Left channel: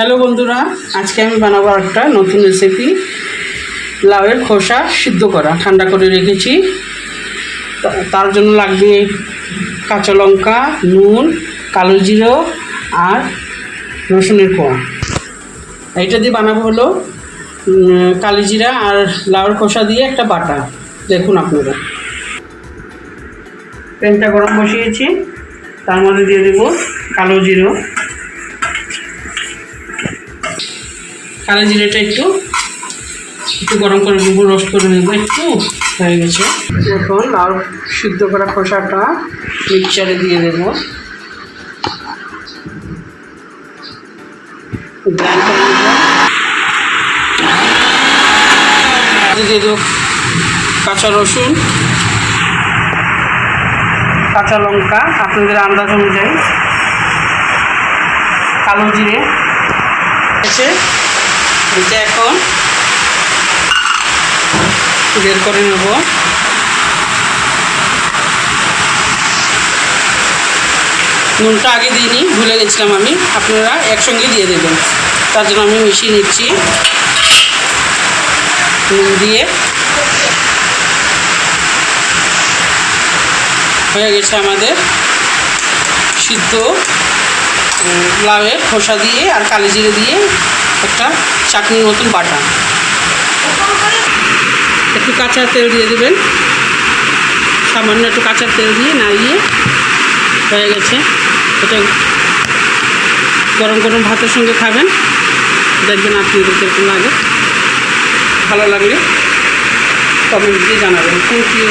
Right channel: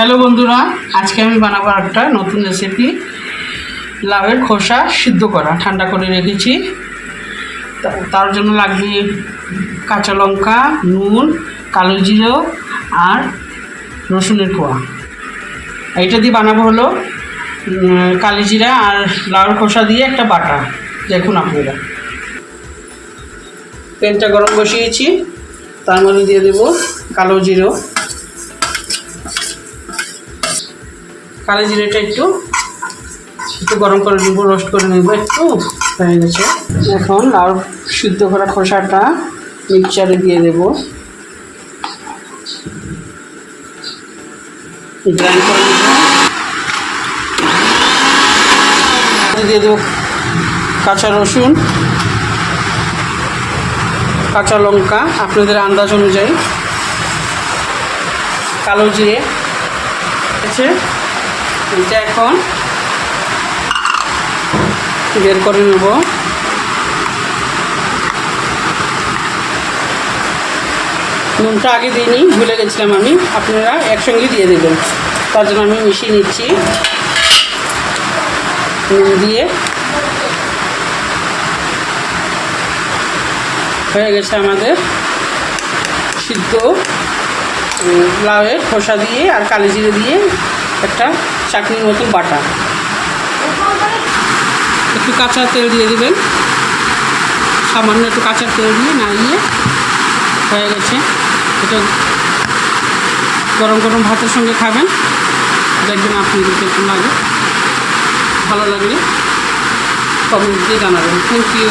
Hello বন্ধুরা, আজকে আমি বানাবো একটা নতুন রেসিপি। লাউয়ের খোসা সিদ্ধ করা, ঠান্ডা করে রেখেছি। তার জন্য লাগবে কাঁচা লঙ্কা, নুন, কালো জিরে আর রসুনের কোয়া। এটা দিয়ে বানাবো হলো কালো জিরা আর লাউয়ের খোসা দিয়ে একটা বাটা। দেখুন আপনারা, প্যানটা গরম বসিয়েছি, তার মধ্যে দিয়ে দেবো কালো জিরা। কালো জিরাটা একটু গরম করে দেবো, রোস্ট করে নেবো। একটু হয়ে গেছে। এখন লাউ সিদ্ধ করা খোসাটা মিক্সচারে দিয়ে দেবো, গ্রাইন্ড করে নেবো। দিয়ে দেবো কাঁচা রসুন, কাঁচা লঙ্কা আপনাদের আন্দাজ অনুযায়ী, কালো জিরে আছে। এটা এখন বের করে নেব। নুনটা আগে দিইনি, ভুলে গেছিলাম আমি, আপনারা একসঙ্গে দিয়ে দেবেন। তার জন্য আমি মিশিয়ে নিচ্ছি। নুন দিয়ে হয়ে গেছে আমাদের সিদ্ধ লাউয়ের খোসা দিয়ে আর কালো জিরে দিয়ে একটা চাটনির মতন বাটা। একটু কাঁচা তেল দিয়ে দেবেন, সামান্য একটু কাঁচা তেল দিয়ে নাড়িয়ে হয়ে গেছে। এটা গরম গরম ভাতের সঙ্গে খাবেন, দেখবেন আপনাদের কেমন লাগে। ভালো লাগলে কমেন্ট দিয়ে জানাবেন। Thank you.